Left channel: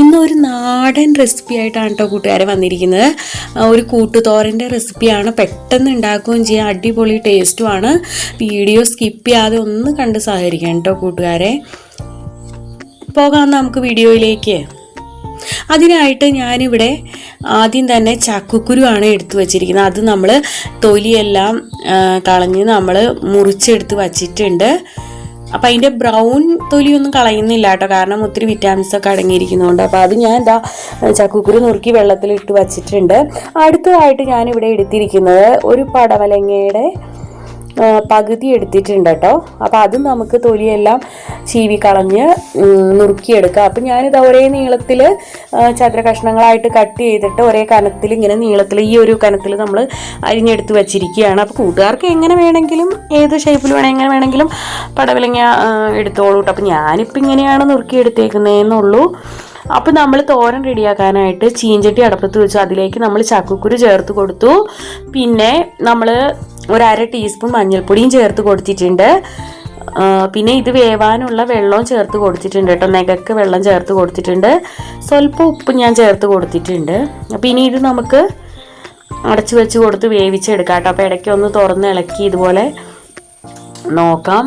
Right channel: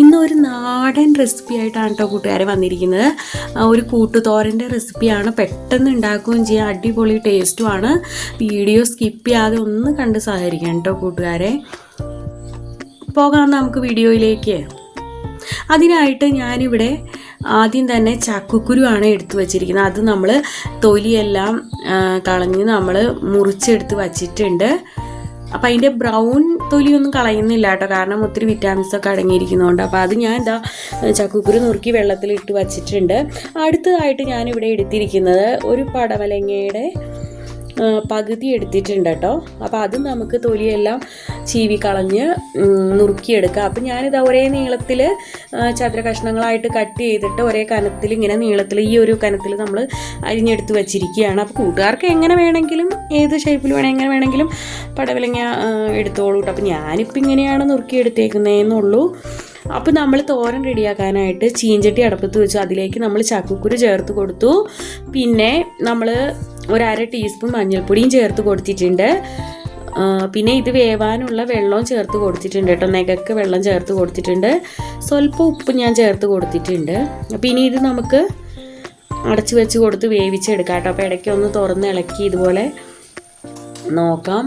ഇന്നൊരു നാടൻ റെസിപ്പി ആയിട്ടാണ് കേട്ടോ കൂട്ടുകാരെ വന്നിരിക്കുന്നത്. ഒരു കൂട്ടുതോരൻ്റെ റെസിപ്പിയാണ്. പെട്ടെന്ന് ഉണ്ടാക്കുകയും ചെയ്യാം, അടിപൊളി ടേസ്റ്റുമാണ്. വീഡിയോ സ്കിപ്പ് ചെയ്യാതെ ഒന്ന് കണ്ട് സഹകരിക്കാം കേട്ടോ കൂട്ടുകാരെ. പോകാം നമുക്ക് വീഡിയോയിലേക്ക്. അതിനായിട്ട് ഞാനിവിടെ ആദ്യം തന്നെ ചക്കക്കുരു ആണ് എടുത്തു വച്ചിരിക്കുന്നത്. അത് നമ്മൾ തൊലിയെല്ലാം കളഞ്ഞ് നമ്മൾ മുറിച്ചെടുത്ത് വച്ചിട്ടുണ്ട്. അപ്പം അതിൻ്റെ ബ്രൗൺ തൊലിയൊന്നും കളയുന്നില്ല കേട്ടോ, കാരണം ഒത്തിരി വിറ്റാമിൻസൊക്കെ അടങ്ങിയിരിക്കുന്നതുകൊണ്ട്. അപ്പോൾ അത് ഞാൻ എന്താ ചക്കക്കുരു നുറുക്കി വെള്ളത്തിലിട്ട് വച്ചിട്ടുണ്ട്. അടുത്തതായിട്ട് ഞാനിവിടെ എടുത്തിരിക്കുന്നത് ഒരു പടവലങ്ങയുടെ പകുതി എടുത്തിട്ടുണ്ട് കേട്ടോ. അപ്പോൾ അത് നമുക്ക് തൊലിയെല്ലാം ചീവി കളഞ്ഞ് നുറുക്കിയെടുക്കാം. അപ്പം ഞാനിത് ഒരേ നീളത്തിൽ ചതുര കഷ്ണങ്ങളായിട്ട് കട്ട് ചെയ്തിട്ട് ഒരേ കനത്തിൽ ഇങ്ങനെ നീളത്തിൽ ഈ ഒരു കനത്തിൽ നമ്മൾ അരിഞ്ഞെടുത്ത് വെച്ചിരിക്കുകയാണ്. അപ്പോൾ കൂട്ടുകാർക്ക് എങ്ങനെ വേണമെങ്കിലും ഏത് ഷേപ്പിൽ എങ്ങനെ വേണമെങ്കിലും പടവലങ്ങ എടുത്തോളൂ കേട്ടോ. അപ്പോൾ ഞാനിപ്പോൾ ഇങ്ങനെയാണ് നുറുക്കിയെടുത്തേക്കുന്നതെന്നുള്ളൂ. അപ്പോൾ നമ്മൾ തോരൻ റെഡിയാക്കാനായിട്ട് ചീഞ്ചട്ടി അടുപ്പത്ത് വെച്ചു. അതിലേക്ക് നമ്മൾ ചക്കക്കുരു ചേർത്ത് കൊടുത്തു. പിന്നെ നമ്മൾ ഒരു 1/2 ടീസ്പൂൺ മഞ്ഞൾപ്പൊടിയും ചേർത്ത് കൊടുത്തിട്ടുണ്ട്. പിന്നെ ഇത് വേവാനുള്ള വെള്ളവും ചേർത്ത് കൊടുത്തിട്ടുണ്ട് കേട്ടോ. നെകക്ക് വെള്ളം ചേർത്ത് കൊടുത്തിട്ടുണ്ട്. സ്വല്പം ഉപ്പ് ഞാൻ ചേർത്ത് കൊടുത്തിട്ടുണ്ട്. അപ്പോൾ ഇനി ഇത് നമുക്ക് അടച്ചു വെച്ച് കൊടുത്ത് വേവിച്ചെടുക്കാം കേട്ടോ. അപ്പോൾ ഇടയ്ക്ക് ഒന്ന് തുറന്ന് ഇളക്കി ഇതുപോലെ നോക്കാം.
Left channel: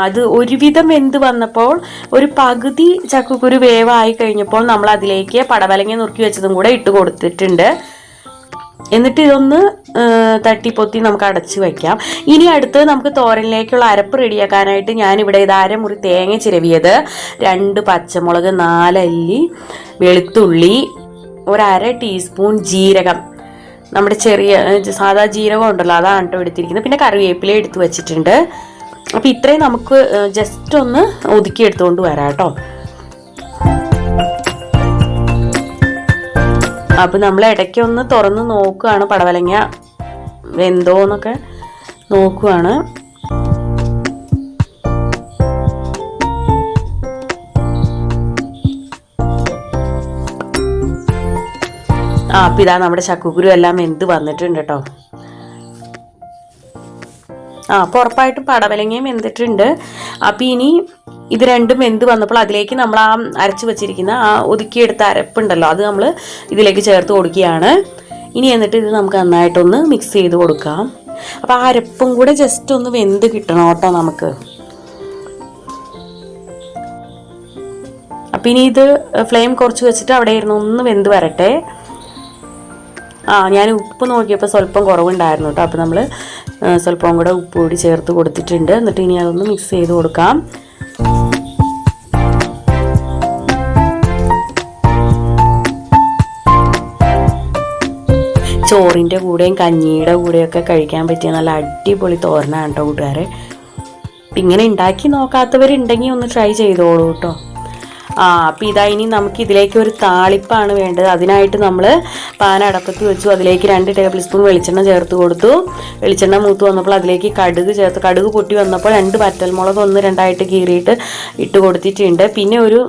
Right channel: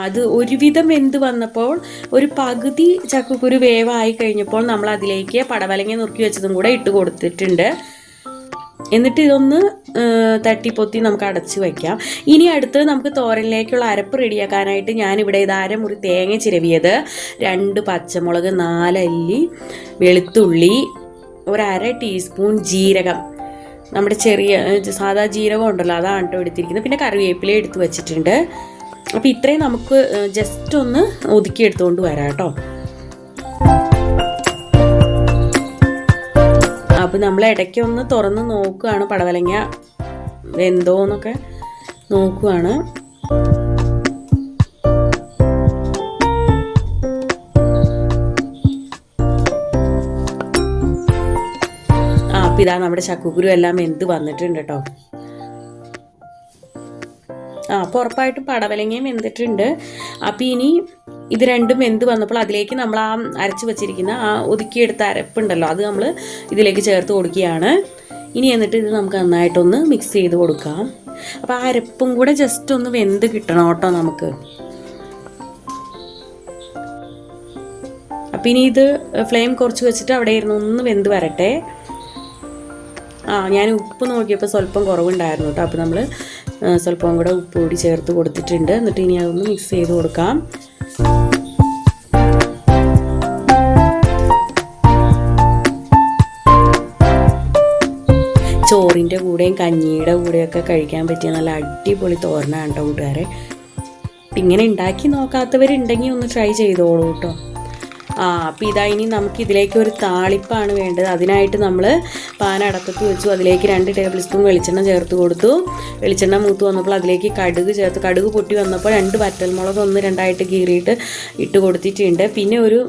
അത് ഒരുവിധം വെന്ത് വന്നപ്പോൾ ഒരു പകുതി ചക്കക്കുരു വേവായി കഴിഞ്ഞപ്പോൾ നമ്മൾ അതിലേക്ക് പടവലങ്ങ നുറുക്കി വെച്ചതും കൂടെ ഇട്ട് കൊടുത്തിട്ടുണ്ട്. എന്നിട്ട് ഇതൊന്ന് തട്ടിപ്പൊത്തി നമുക്ക് അടച്ച് വയ്ക്കാം. ഇനി അടുത്ത് നമുക്ക് തോരനിലേക്കുള്ള അരപ്പ് റെഡിയാക്കാനായിട്ട് ഞാനിവിടെ ഇത് 1/2 മുറി തേങ്ങ ചിരവിയത്, 2 പച്ചമുളക്, 4 അല്ലി വെളുത്തുള്ളി, ഒരു 1/2 ടീസ്പൂൺ ജീരകം, നമ്മുടെ ചെറിയ സാധാ ജീരകം ഉണ്ടല്ലോ അതാണ് കേട്ടോ എടുത്തിരിക്കുന്നത്. പിന്നെ കറിവേപ്പില എടുത്ത് വെച്ചിട്ടുണ്ട്. അപ്പോൾ ഇത്രയും നമുക്ക് ജസ്റ്റ് ഒന്ന് ഒതുക്കി എടുത്തുകൊണ്ട് വരാം കേട്ടോ. അപ്പോൾ നമ്മൾ ഇടയ്ക്കൊന്ന് തുറന്ന് നോക്കുകയാണ്, പടവലങ്ങ വെന്തോന്നൊക്കെ നോക്കുകയാണ്. അപ്പോൾ ഇതാ നമ്മുടെ ചക്കക്കുരു എല്ലാം വെന്ത് വന്നിട്ടുണ്ട് കേട്ടോ. അപ്പോൾ ഉറപ്പായിട്ടും പടവലങ്ങയും വെന്തിട്ടുണ്ട്. അപ്പോൾ ഇനി ഇത് രണ്ടും വെന്ത് വന്നപ്പോൾ അതിലേക്ക് നമ്മൾ ആ അരച്ച് വെച്ചിരിക്കുന്ന ആ ഒതുക്കിയെടുത്ത അരപ്പുണ്ടല്ലോ അത് നമ്മൾ ഇതിലേക്ക് ചേർത്ത് കൊടുക്കുകയാണ്. ഇനി എന്നിട്ട് ഇത് നമുക്ക് നന്നായിട്ടൊന്ന് മിക്സ് ചെയ്ത് കൊടുക്കാം. അപ്പോൾ ആ അരപ്പും കൂടെ ജസ്റ്റ് ഒന്ന് വെന്ത് കിട്ടണം കേട്ടോ നമുക്ക്. അപ്പം ഇനി ഇത് ഫ്ലെയിം കുറച്ച് വെച്ചിട്ട് അവിടെ ഇരുന്ന് ഒന്ന് വെന്ത് വരട്ടെ. ഞാൻ ഉപ്പ് നോക്കിയപ്പോൾ സ്വല്പം കുറവുണ്ടായിരുന്നു കേട്ടോ. അപ്പോൾ നമ്മൾ സ്വല്പം കൂടെ ഉപ്പ് കൂടി ചേർത്ത് കൊടുത്തിട്ടുണ്ട്. എന്നിട്ട് ഇനി അതൊന്ന് മിക്സ് ചെയ്ത് കൊടുക്കാം. ചോറിൻ്റെ കൂടെയും കഞ്ഞിയുടെ കൂടെയൊക്കെ കഴിക്കാൻ പറ്റിയ നല്ല അടിപൊളി തോരനാണ് കേട്ടോ കൂട്ടുകാരെ. ഇങ്ങനെ ഉണ്ടാക്കി നോക്കാത്തവരുണ്ടെങ്കിൽ ഒന്ന് ട്രൈ ചെയ്തോളൂ കേട്ടോ. അപ്പോൾ ഇതാ ഇനി നമുക്ക് ഇതിലേക്ക് ഒരു താളിപ്പാണ് വേണ്ടത്. അതിനായിട്ട് നമ്മൾ പാൻ അടപ്പത്ത് വെച്ചു. അതിലേക്ക് 2 ടേബിൾ സ്പൂൺ വെളിച്ചെണ്ണ ചേർത്ത് കൊടുത്തു. വെളിച്ചെണ്ണ മൂത്ത് വന്നപ്പോൾ അതിലേക്ക് കടുക് ചേർത്ത്, കടുക് പൊട്ടി വന്നപ്പോൾ 2 വറ്റൽമുളക് 1-2 കീറിയിട്ട് ഇട്ട് കൊടുത്തിട്ടുണ്ട്. പിന്നെ ഒരു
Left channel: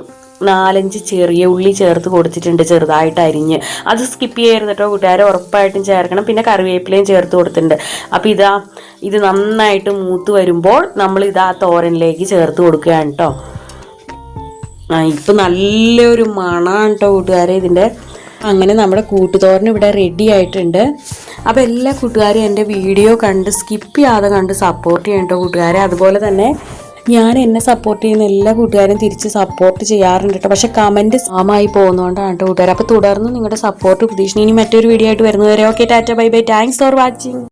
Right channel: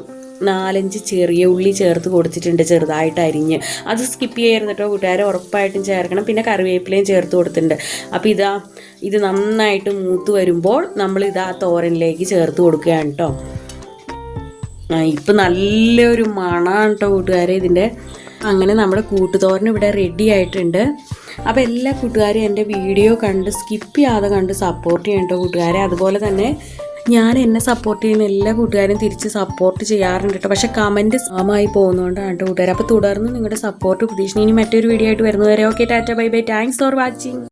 4-5 ചെറിയ ഉള്ളി ചേർത്ത് കൊടുത്തിട്ടുണ്ട് ചെറുതായിട്ട് അരിഞ്ഞ്. അത് സ്കിപ്പ് ചെയ്യരുത് കേട്ടോ കൂട്ടുകാരെ, ഉറപ്പായിട്ടും ചേർക്കണം. പിന്നെ കറിവേപ്പിലയും ചേർത്ത് കൊടുത്തിട്ടുണ്ട്. അപ്പോൾ ഇത് നന്നായിട്ട് മൂത്ത് വരുമ്പോൾ നമ്മൾ ഇതാ തോരനിലേക്ക് ചേർത്ത് കൊടുക്കുകയാണ് കേട്ടോ. ഇപ്പം നല്ലൊരു മണമാണ് കേട്ടോ കൂട്ടുകാരെ ഇതിൻ്റെ. അങ്ങനെ നമ്മുടെ കൂട്ടുതോരൻ ഇവിടെ റെഡി ആയിട്ടുണ്ട്. അപ്പോൾ എല്ലാ കൂട്ടുകാരും എൻ്റെ വീഡിയോ കണ്ട് സ്കിപ്പ് ചെയ്യാതെ കണ്ട് സപ്പോർട്ട് ചെയ്യണം കേട്ടോ കൂട്ടുകാരെ. അതുപോലെ തന്നെ ഞാൻ എന്നെ സപ്പോർട്ട് ചെയ്യുന്ന എല്ലാ കൂട്ടുകാരും തിരിച്ച് സപ്പോർട്ട് ചെയ്യാറുണ്ട് കേട്ടോ. പക്ഷേ കമൻറ്റ് സാമായി പോകുന്നതുകൊണ്ടാണ് കേട്ടോ കൂട്ടുകാർ. അപ്പോൾ തുടർന്ന് നിങ്ങളുടെ സപ്പോർട്ട് പ്രതീക്ഷിക്കുന്നു. ഇനി മറ്റൊരു വീഡിയോ ആയിട്ട് വരുന്നവരെ okay, Tata, bye bye, thanks for watching.